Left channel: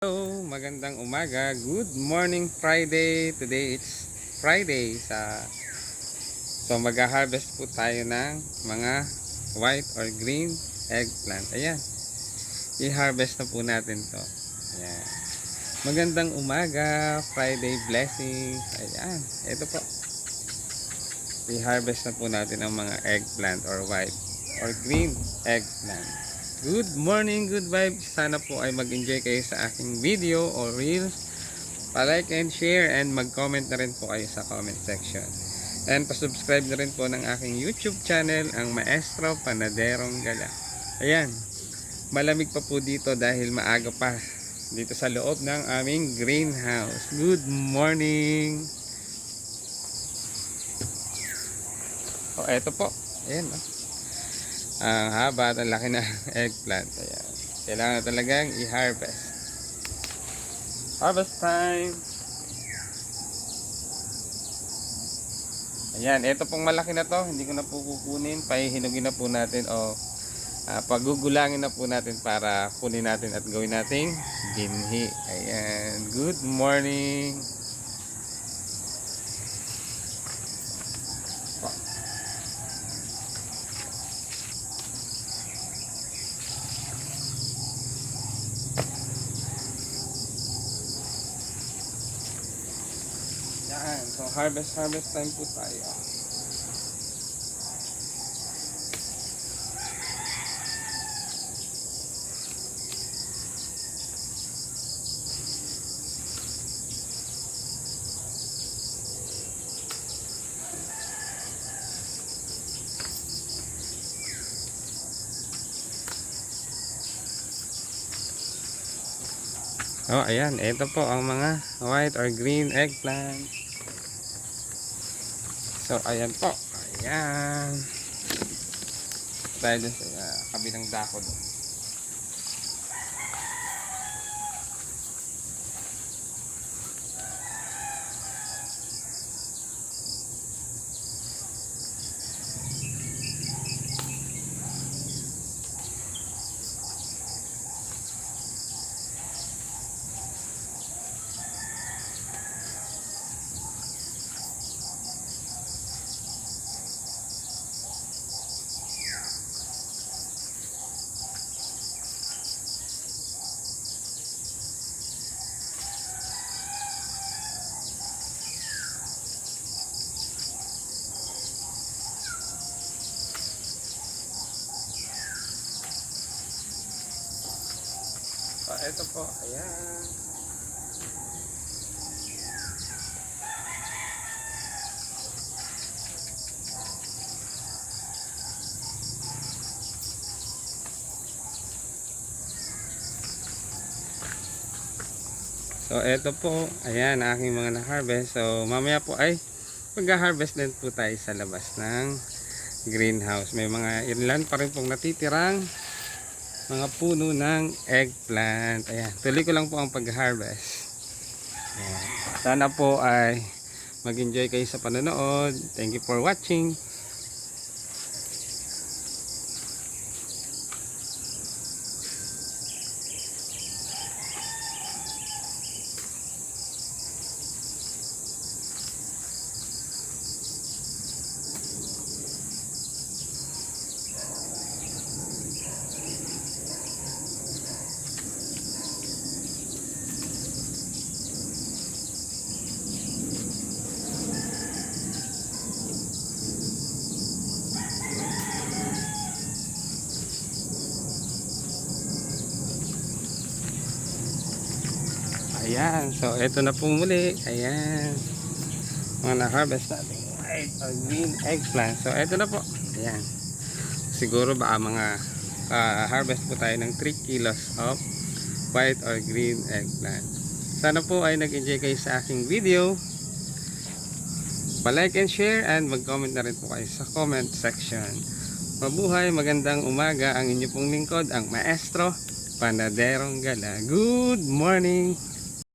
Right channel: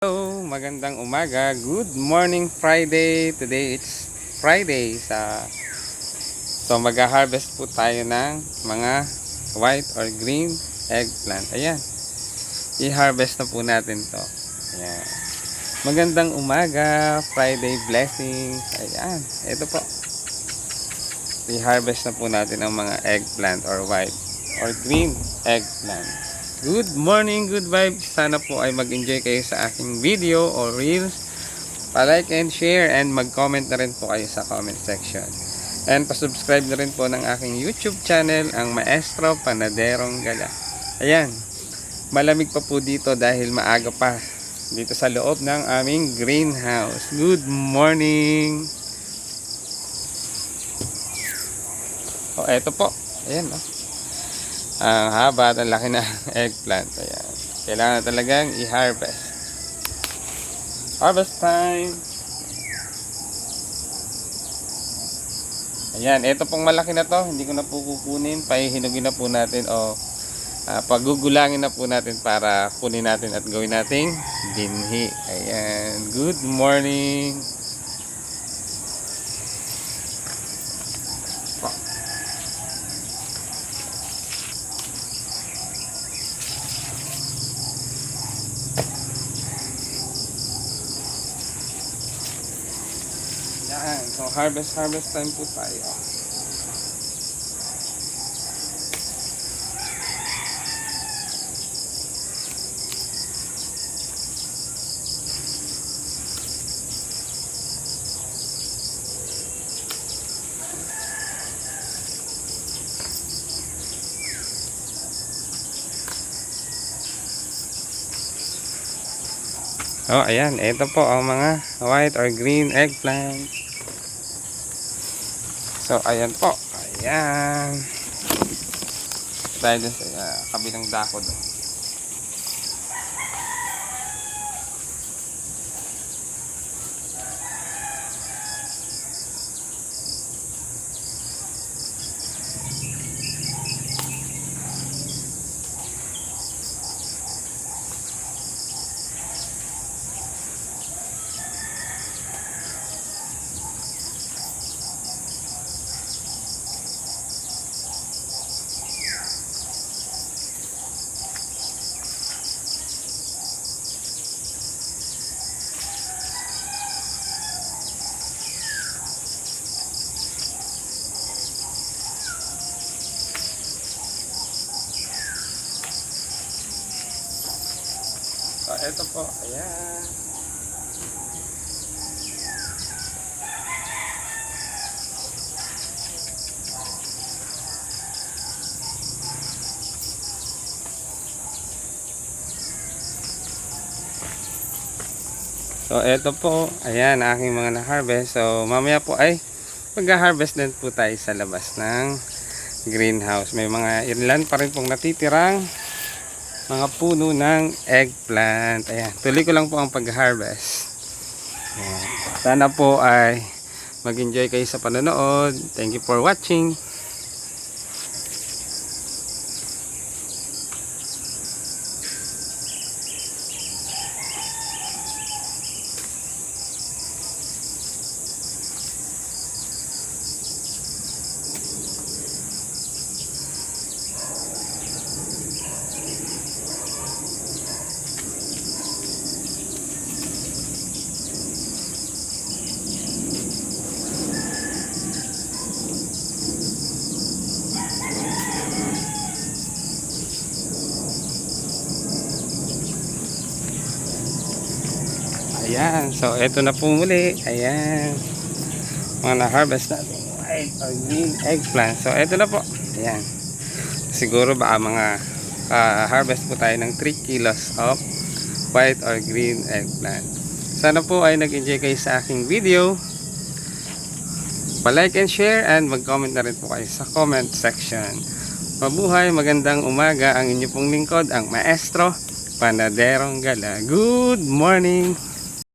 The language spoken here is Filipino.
Hello, magandang umaga. Good morning Friday. Today it's Friday so mag-harvest po tayo ng mga white or green eggplant. Ayan. I-harvest na po natin 'to. Ayan. Magandang umaga, Friday blessings. Ayan. Ito po. I-harvest na po natin ang mga eggplant or white or green eggplant. Good morning, good vibes. Sana po ay mag-enjoy kayo sa aking video or reels. Pa-like and share and mag-comment na rin po kayo sa comment section. And pa-subscribe na rin po ng aking YouTube channel, ang Maestro Panaderong Gala. Ayan, malamig pa po dito dahil maaga pa dito sa loob ng aming greenhouse. Good morning! O, eto po. Ayan, ang haba at ang laki na eggplant. Ayan. Kailangan talagang i-harvest. Harvest time! Ayan, ito pong malaki na to. Hindi ko na po kukunin. Pahihinugin na po natin o pagugulangin na po natin para kunin natin at gawin nating binhi. Ayan. Good morning! Yan. So harvest time po tayo. Oh, ayan. Ito po ang mga white or green eggplant. So, ayan po. Ayan. Tayo dun sa kabilang dako doon. So, ito po. Ayan. So, ito po. Ayan, aking mga na-harvest. So, mamaya po ay mag-harvest din po tayo sa labas ng greenhouse. May mga ilan pa rin pong natitirang mga puno ng eggplant. Ayan, tuloy ko lang po ang pag-harvest. Sana po ay mag-enjoy kayo sa panonood. Thank you for watching. Ayan, so ito na po muli. Ayan, mga na-harvest natin white or green eggplant. So ito na po. Ayan, siguro baka mga harvest po tayo ng 3 kilos of white or green eggplant. Sana po ay nag-enjoy kayo sa aking video. Pa-like and share and mag-comment na rin po kayo sa comment section. Mabuhay, magandang umaga. Ang inyo pong lingkod, ang Maestro Panaderong Gala. Good morning!